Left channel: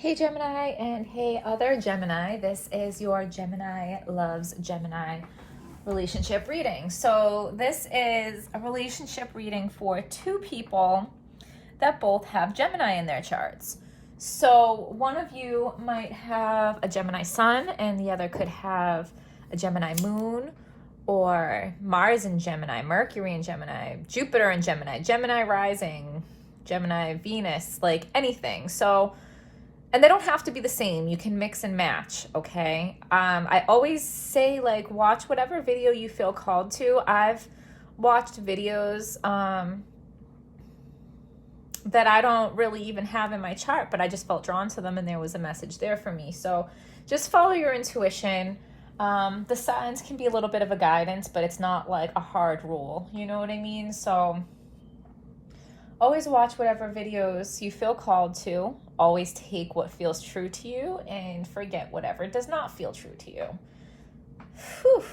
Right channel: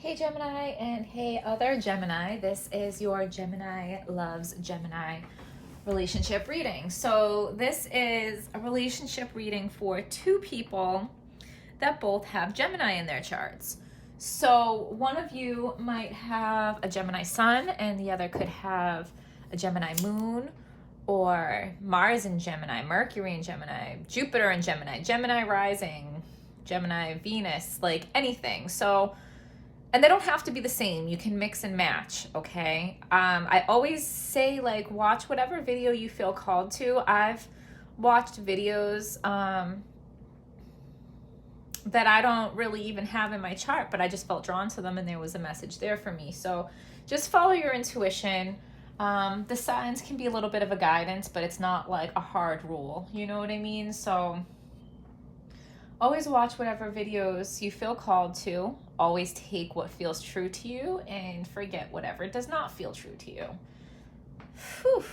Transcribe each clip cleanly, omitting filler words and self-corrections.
Hey Gemini and hey other Gemini, this is your Gemini Loves Gemini relationship reading. So this is a relationship reading for two people that both have Gemini in their charts. So one of you might have a Gemini sun and the other could have a Gemini moon, or Mars in Gemini, Mercury in Gemini, Jupiter in Gemini, Gemini rising, Gemini Venus, like anything. So and they don't have to be the same. You can mix and match, okay? I always say, like, watch whatever video you feel called to. I've watched videos that I don't really even have in my chart, but I just felt drawn to them and there was a message there for me. So just follow your intuition. The signs can be a little bit of a guidance, but it's not like a hard rule. You know what I mean? So always watch whatever videos you feel called to. Always take what feels true to you and forget whatever does not feel true to you. Whew.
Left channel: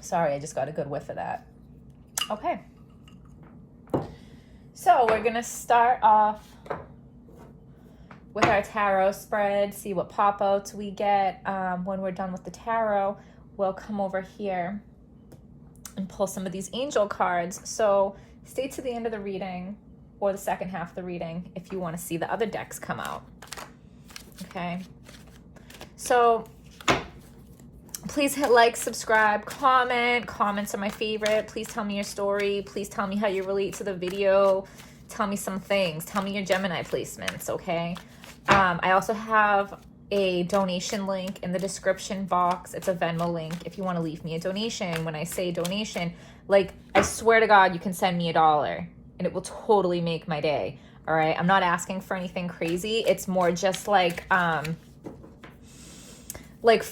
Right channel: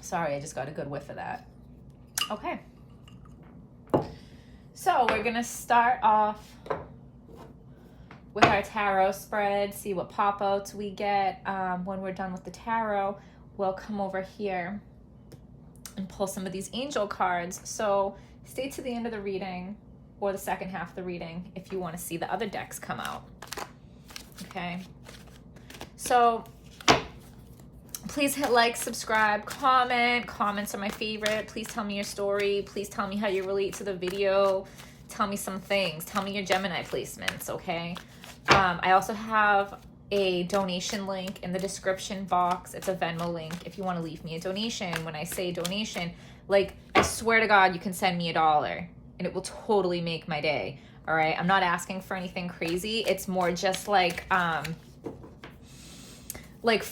Sorry, I just got a good whiff of that. Okay. So we're going to start off with our tarot spread, see what pop-outs we get. When we're done with the tarot, we'll come over here and pull some of these angel cards. So stay to the end of the reading or the second half of the reading if you want to see the other decks come out. Okay. So please hit like, subscribe, comment. Comments are my favorite. Please tell me your story. Please tell me how you relate to the video. Tell me some things. Tell me your Gemini placements, okay? I also have a donation link in the description box. It's a Venmo link if you want to leave me a donation. When I say donation, like, I swear to God, you can send me $1 and it will totally make my day. All right. I'm not asking for anything crazy. It's more just like for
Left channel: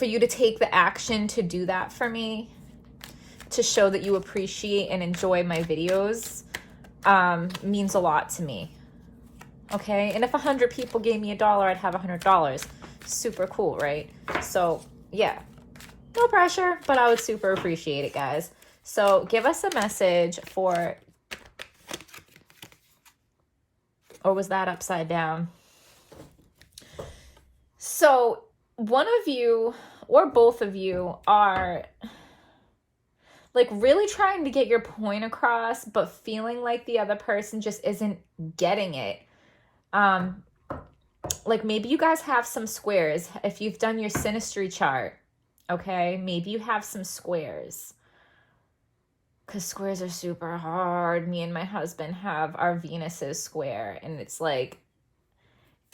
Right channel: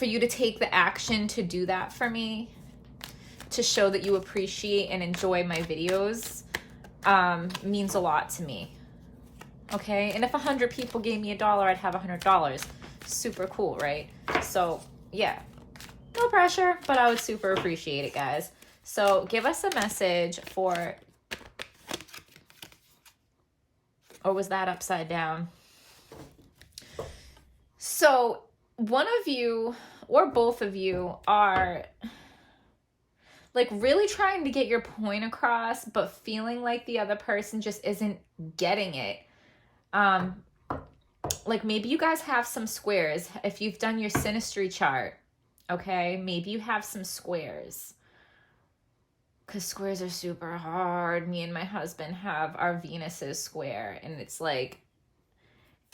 you to take the action to do that for me, to show that you appreciate and enjoy my videos, means a lot to me. Okay. And if 100 people gave me $1, I'd have $100. Super cool, right? So yeah, no pressure, but I would super appreciate it, guys. So give us a message for, or was that upside down? So one of you or both of you are like really trying to get your point across, but feeling like the other person just isn't getting it. Like maybe you guys have some squares. If you've done your synastry chart, okay, maybe you have some squares. Because squares are super hard. Me and my husband have our Venuses square, and it's like,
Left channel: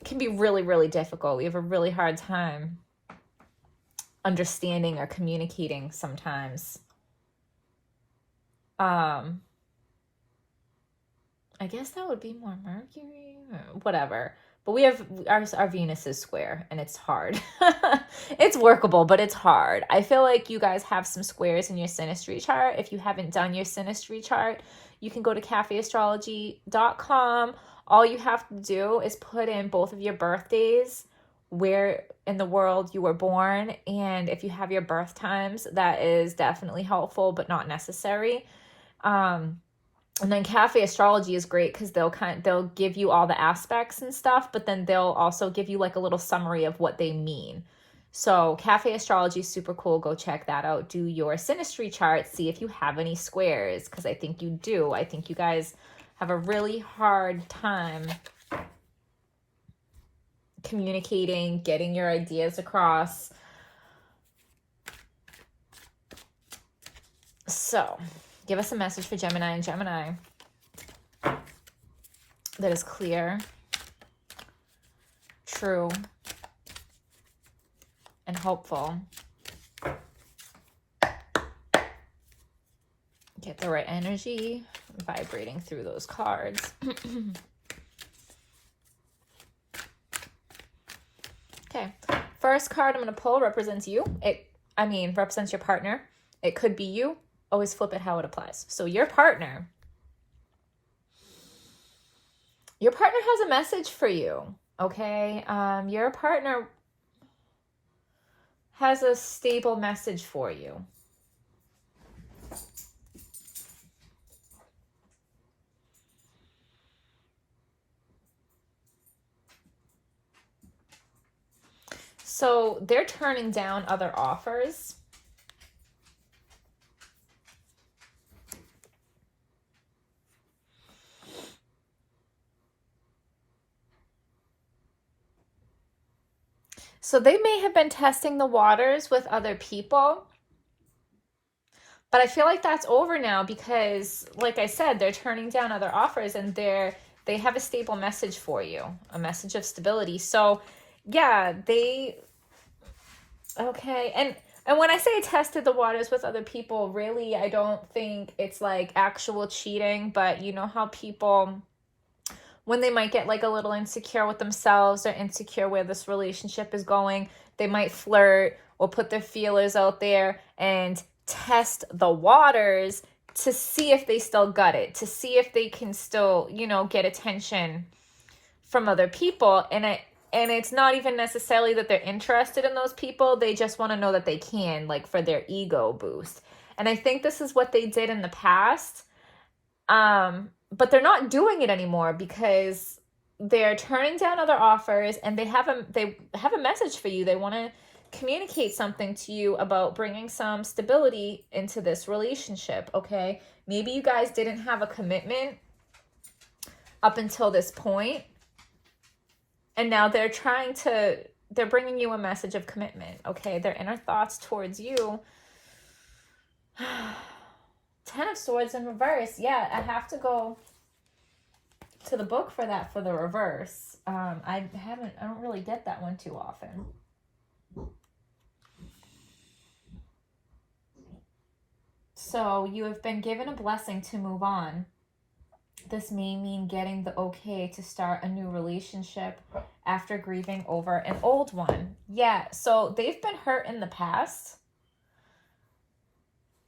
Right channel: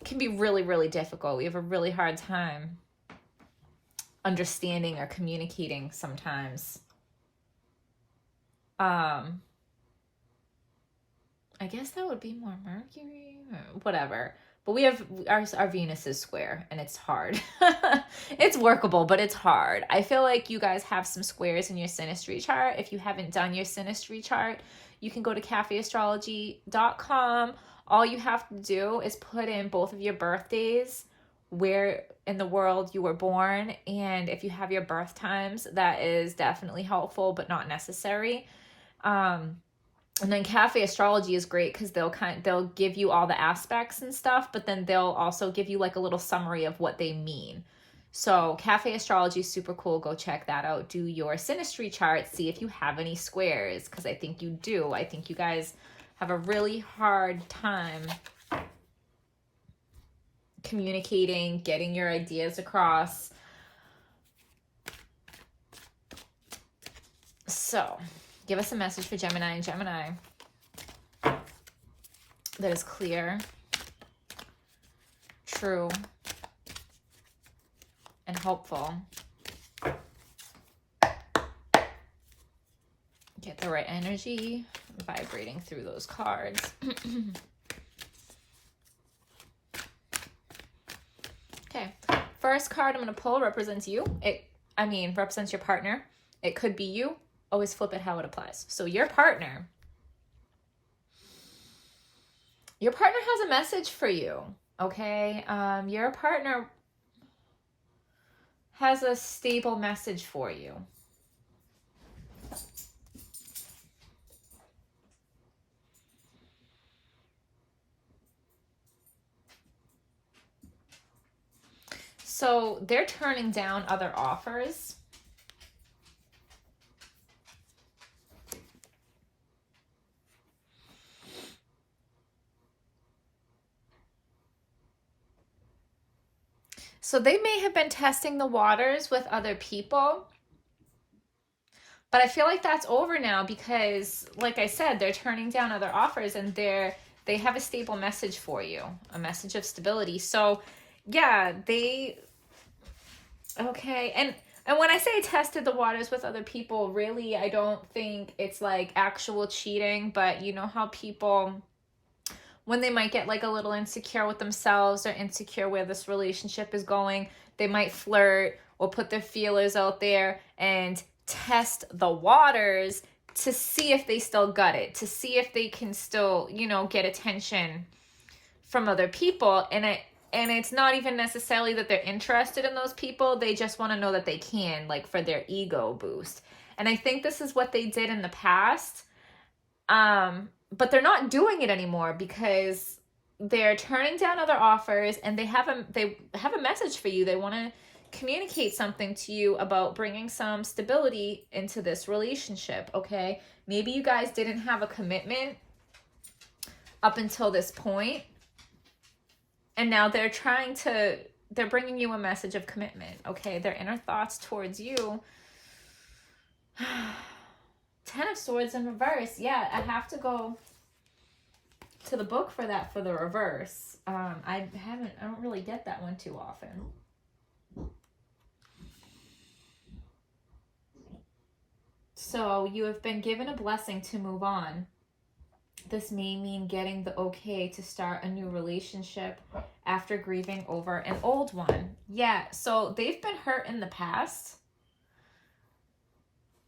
it can be really, really difficult. We have a really hard time understanding or communicating sometimes. I guess that would be more Mercury, whatever. But we have our Venus is square, and it's hard. It's workable, but it's hard. I feel like you guys have some squares in your synastry chart. If you haven't done your synastry chart, you can go to cafeastrology.com. All you have to do is put in both of your birthdays, where in the world you were born, and if you have your birth times, that is definitely helpful, but not necessary. And then Cafe Astrology is great because they'll give you all the aspects and stuff, but then they'll also give you like a little summary of what they mean. So Cafe Astrology is super cool. Go check that out. Do your synastry chart. See if you have any squares, because I think you do. I think you guys have a really hard time communicating, getting your ideas across. So give us a message for Gemini and Gemini that is clear, true, and hopeful. Get the right energy vibrating through those cards. Okay, first card I'm going to pull represents you. Represents your partner. It could be you. Always flip it how it applies. So your partner has a message for you, okay? Your partner has a stable message for you. So they're turning down other offers. So they may have been testing the waters with other people, but I feel like that's over now because, like I said, they're turning down other offers and they have a stable message for you, a message of stability. So yeah, okay. And when I say tested the waters with other people, really, I don't think it's like actual cheating, but you know how people, when they might get like a little insecure with themselves or insecure where this relationship is going, they might flirt or put their feelers out there and test the waters to see if they still got it, to see if they can still, you know, get attention from other people. And it's not even necessarily that they're interested in those people. They just want to know that they can, like for their ego boost. And I think this is what they did in the past. But they're not doing it anymore because they're turning down other offers and they have a message for you. They want to communicate something to you about bringing some stability into this relationship, okay? Maybe you guys didn't have a commitment up until this point, and now they're bringing you a message of commitment, okay? Their inner thoughts towards you. 10 of Swords in reverse. Yeah, I have to go to the book for that, for the reverse. I don't really get that one too often. So you have been given a blessing to move on. This may mean getting the okay to start a new relationship after grieving over an old one. Yeah, so they've been hurt in the past.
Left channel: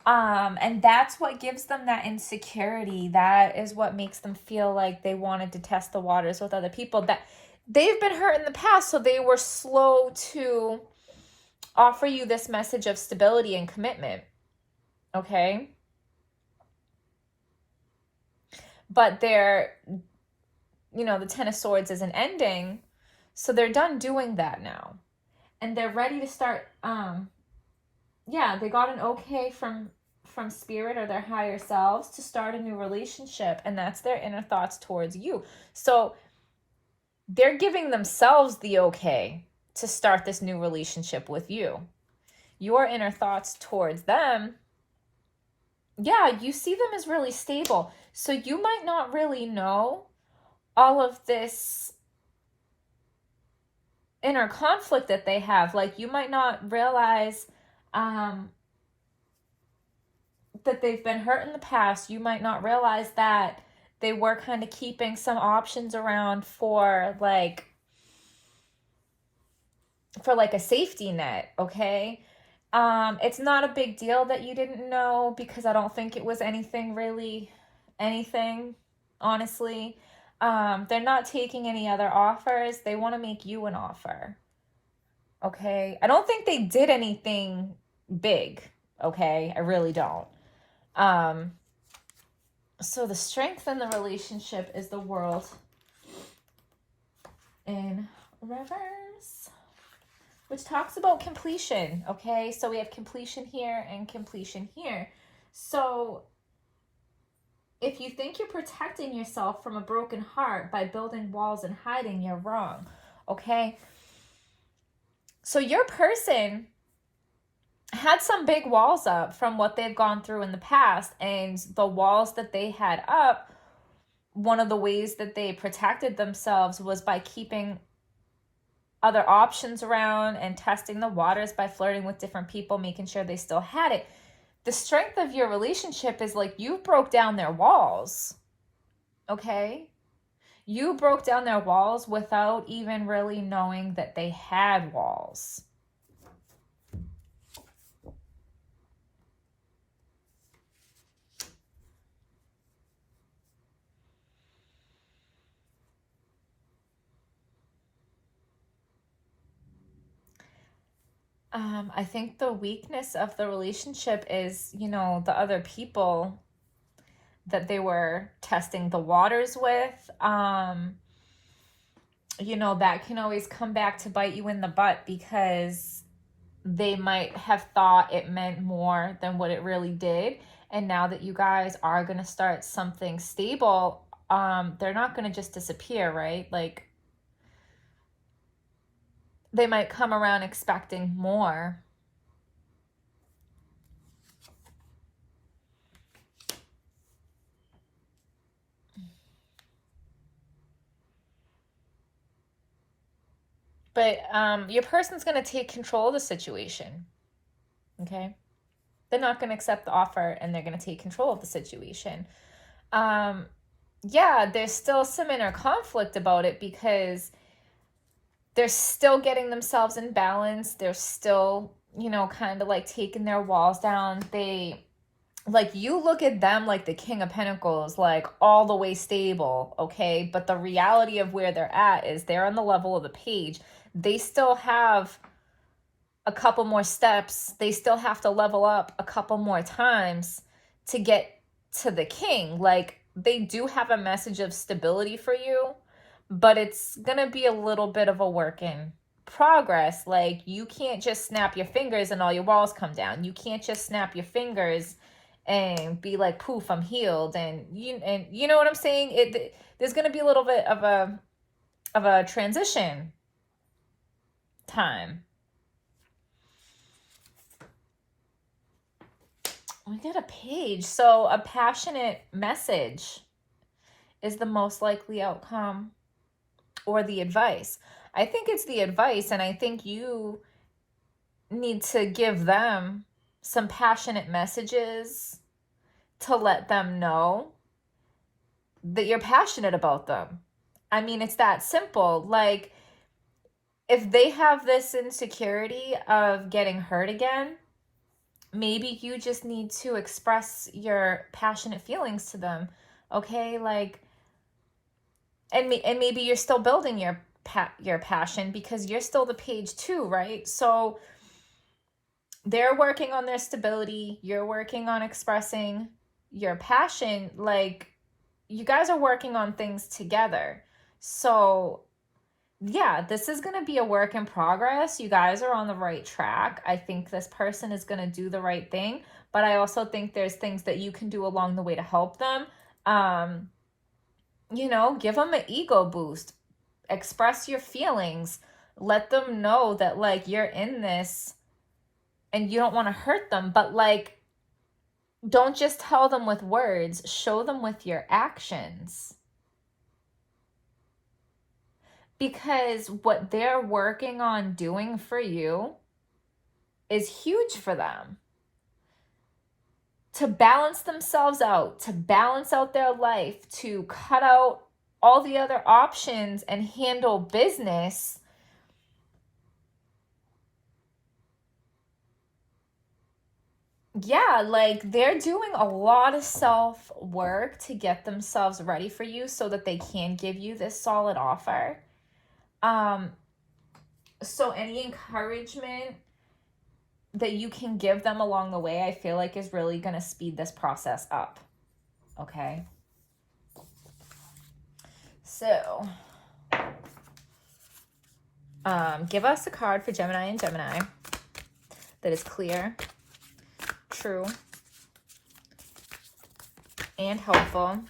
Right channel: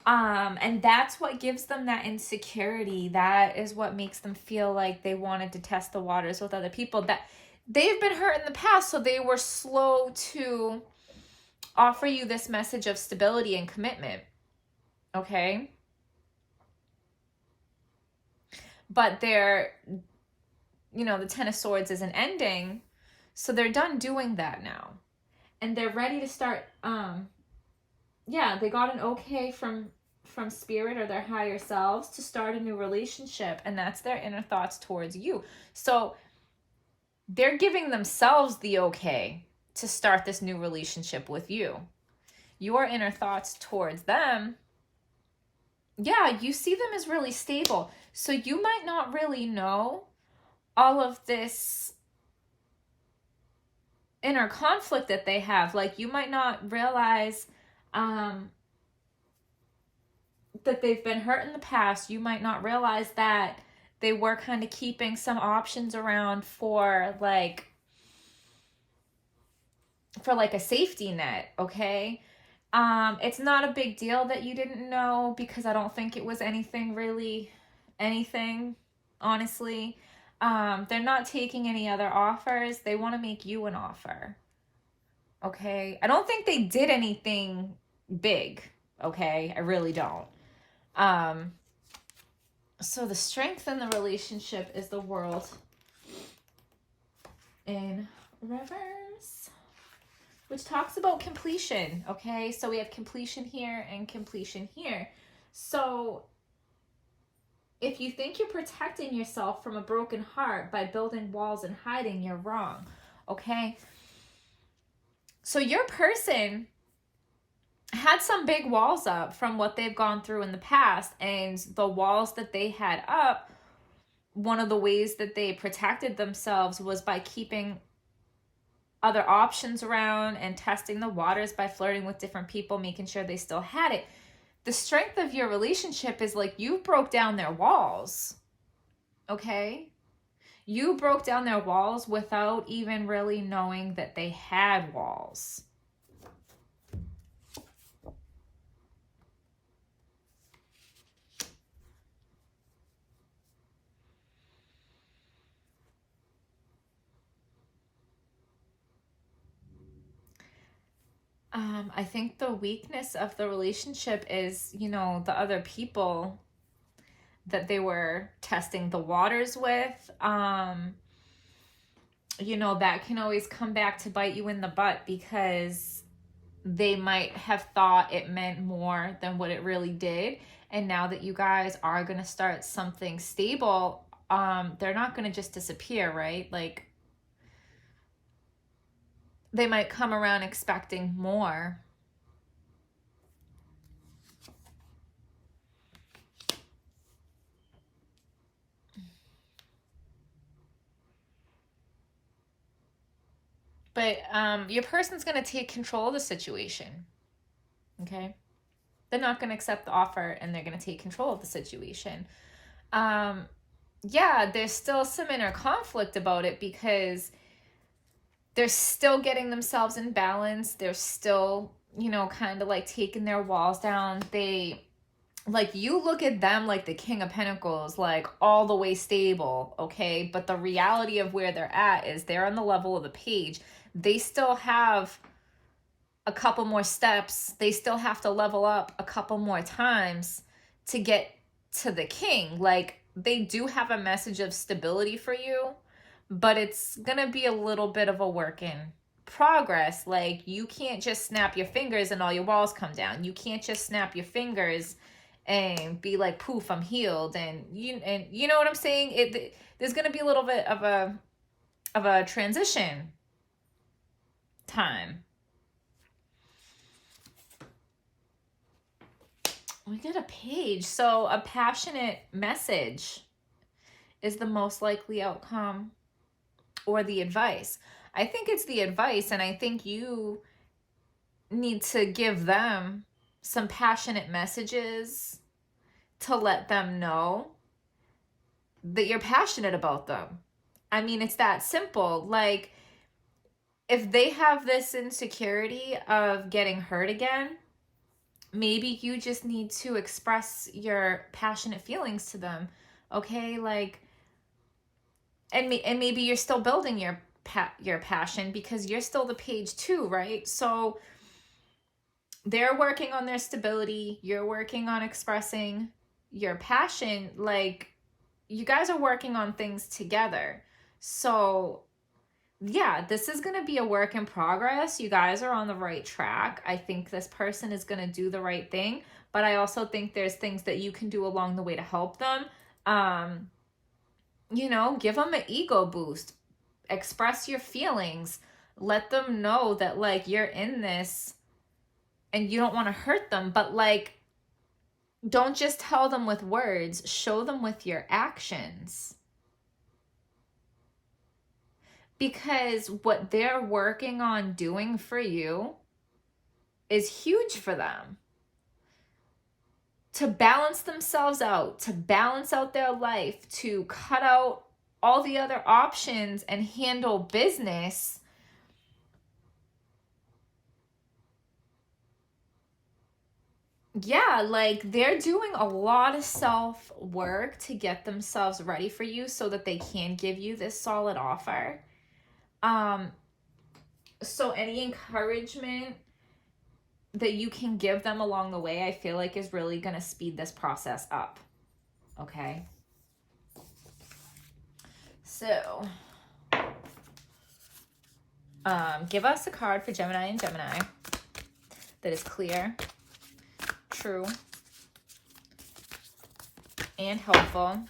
And that's what gives them that insecurity. That is what makes them feel like they wanted to test the waters with other people. That they've been hurt in the past, so they were slow to offer you this message of stability and commitment. Okay? But they're, you know, the 10 of Swords is an ending, so they're done doing that now. And they're ready to start, yeah, they got an okay from spirit or their higher selves to start a new relationship, and that's their inner thoughts towards you. So they're giving themselves the okay to start this new relationship with you. Your inner thoughts towards them, yeah, you see them as really stable. So you might not really know all of this inner conflict that they have. Like, you might not realize that they've been hurt in the past. You might not realize that they were kind of keeping some options around for like a safety net, okay? It's not a big deal that you didn't know, because I don't think it was anything, honestly. They're not taking any other offers. They want to make you an offer, okay? I don't think they did anything big, okay? I really don't. So the strength in the relationship is the World in reverse, which talks about completion, okay? So we have completion here and completion here. So if you think you're protecting yourself from a broken heart by building walls and hiding, you're wrong, okay? So your person had some big walls up from what they've gone through in the past, and the walls that they had up, one of the ways that they protected themselves was by keeping other options around and testing the waters by flirting with different people, making sure they still had it. The strength of your relationship is like you broke down their walls, okay? You broke down their walls without even really knowing that they had walls. I think the weakness of the relationship is, you know, the other people that they were testing the waters with. you know, that can always come back to bite you in the butt, because they might have thought it meant more than what it really did. And now that you guys are going to start something stable, they're not going to just disappear, right? Like, they might come around expecting more. But your person's going to take control of the situation, okay? They're not going to accept the offer, and they're going to take control of the situation. Yeah, there's still some inner conflict about it, because they're still getting themselves in balance. They're still, you know, kind of like taking their walls down. They, like, you look at them like the King of Pentacles, like all the way stable, okay? But the reality of where they're at is they're on the level of the Page. They still have a couple more steps. They still have to level up a couple more times to get to the King. Like, they do have a message of stability for you, but it's gonna be a little bit of a work in progress. Like, you can't just snap your fingers and all your walls come down. You can't just snap your fingers and be like, poof, I'm healed. And you know what I'm saying? There's gonna be a little bit of a transition time. We got a Page. So a passionate message is the most likely outcome, or the advice. I think it's the advice, and I think you need to give them some passionate messages to let them know that you're passionate about them. I mean, it's that simple. Like, if they have this insecurity of getting hurt again, maybe you just need to express your passionate feelings to them, okay? Like, and maybe you're still building your passion, because you're still the Page too, right? So they're working on their stability, you're working on expressing your passion. Like, you guys are working on things together. So yeah, this is going to be a work in progress. You guys are on the right track. I think this person is going to do the right thing, but I also think there's things that you can do along the way to help them. You know, give them an ego boost. Express your feelings. Let them know that, like, you're in this and you don't want to hurt them, but, like, don't just tell them with words. Show them with your actions. Because what they're working on doing for you is huge for them. To balance themselves out, to balance out their life, to cut out all the other options and handle business. Yeah, like, they're doing a lot of self-work to get themselves ready for you so that they can give you this solid offer. So any encouragement that you can give them along the way, I feel like, is really going to speed this process up. Okay. So, give us a card for Gemini and Gemini that is clear, true, and helpful.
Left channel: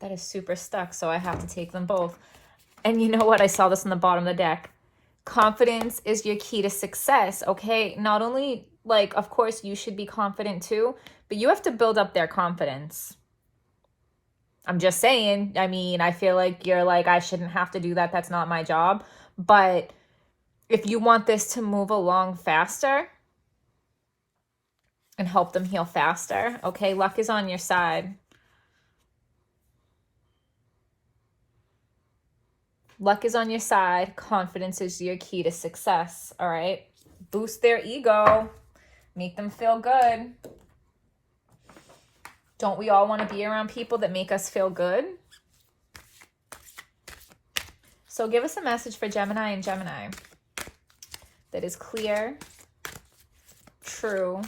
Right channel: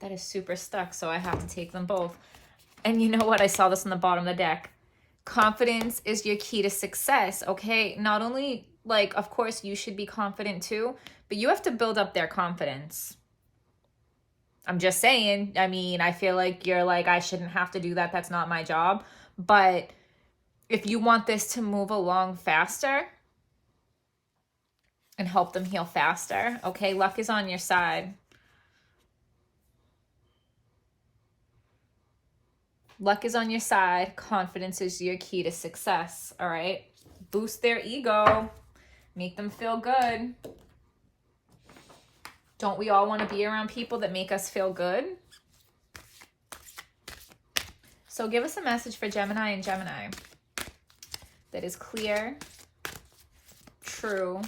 That is super stuck, so I have to take them both. And you know what? I saw this on the bottom of the deck. Confidence is your key to success, okay? Not only, like, of course, you should be confident too, but you have to build up their confidence. I'm just saying. I mean, I feel like you're like, I shouldn't have to do that. That's not my job. But if you want this to move along faster and help them heal faster, okay, luck is on your side. Luck is on your side. Confidence is your key to success, all right? Boost their ego. Make them feel good. Don't we all want to be around people that make us feel good? So give us a message for Gemini and Gemini that is clear, true,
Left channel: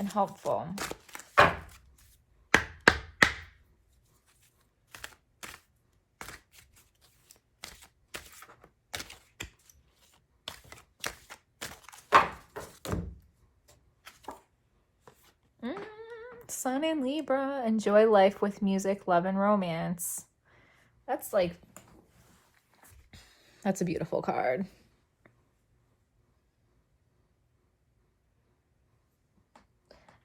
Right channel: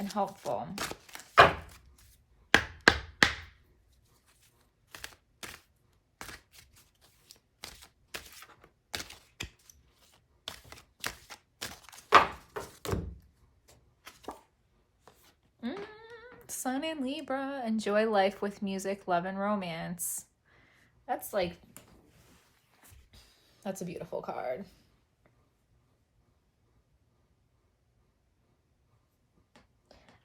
and helpful. Sun in Libra, enjoy life with music, love, and romance. That's a beautiful card.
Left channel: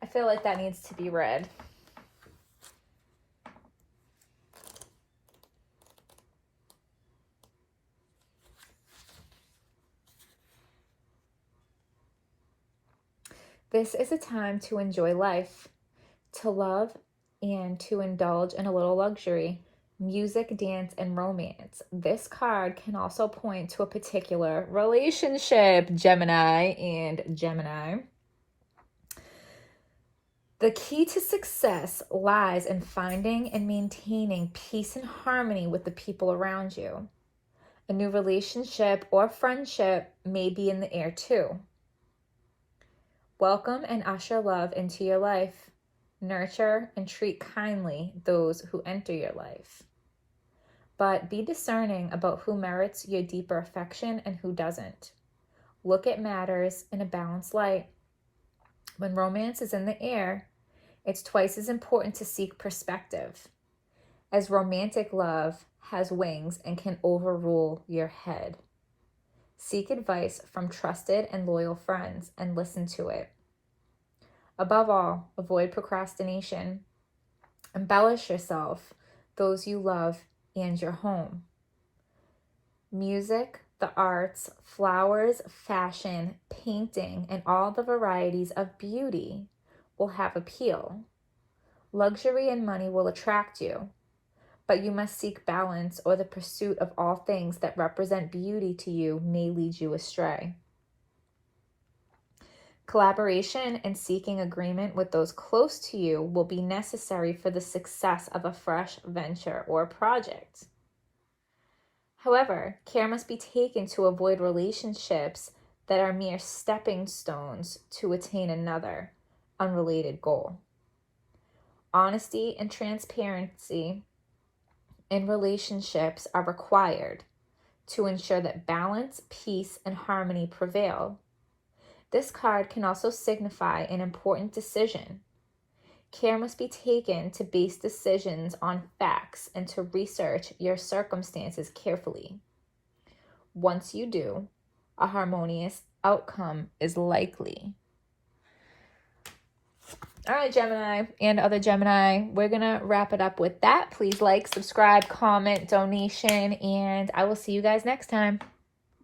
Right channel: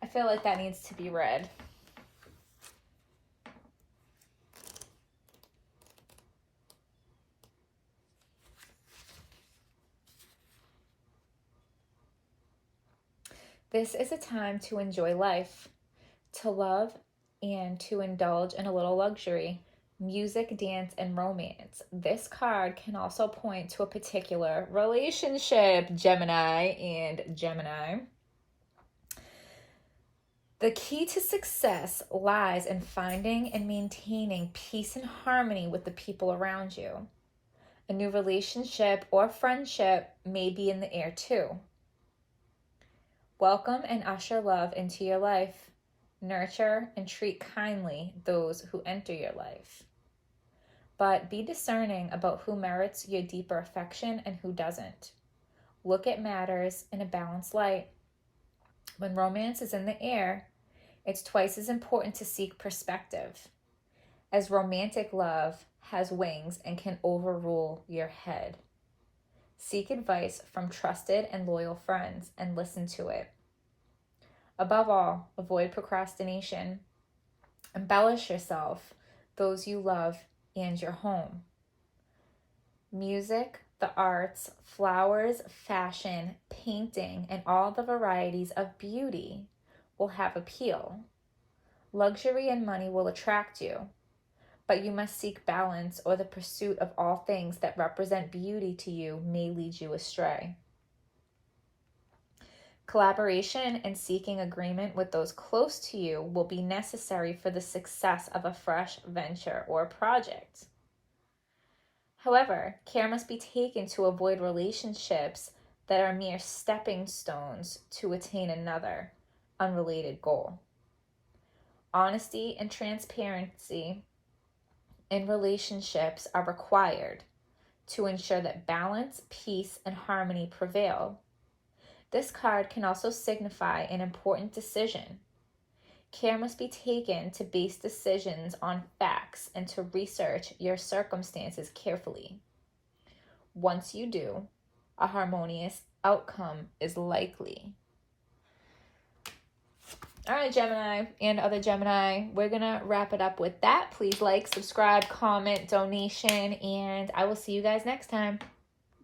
I feel like that needs to be read. This is a time to enjoy life, to love, and to indulge in a little luxury, music, dance, and romance. This card can also point to a particular relationship, Gemini and Gemini. The key to success lies in finding and maintaining peace and harmony with the people around you. A new relationship or friendship may be in the air too. Welcome and usher love into your life. Nurture and treat kindly those who enter your life. But be discerning about who merits your deeper affection and who doesn't. Look at matters in a balanced light. When romance is in the air, it's twice as important to seek perspective, as romantic love has wings and can overrule your head. Seek advice from trusted and loyal friends and listen to it. Above all, avoid procrastination. Embellish yourself, those you love, and your home. Music, the arts, flowers, fashion, painting, and all the varieties of beauty will have appeal. Luxury and money will attract you, but you must seek balance, or the pursuit of all things that represent beauty to you may lead you astray. Collaboration and seeking agreement with those close to you will be necessary for the success of a fresh venture or project. However, care must be taken to avoid relationships that are mere stepping stones to attain another, unrelated goal. Honesty and transparency in relationships are required to ensure that balance, peace, and harmony prevail. This card can also signify an important decision. Care must be taken to base decisions on facts and to research your circumstances carefully. Once you do, a harmonious outcome is likely. All right, Gemini and other Gemini, we're going to wrap it up with that. Please like, subscribe, comment, donation, and I will see you guys next time.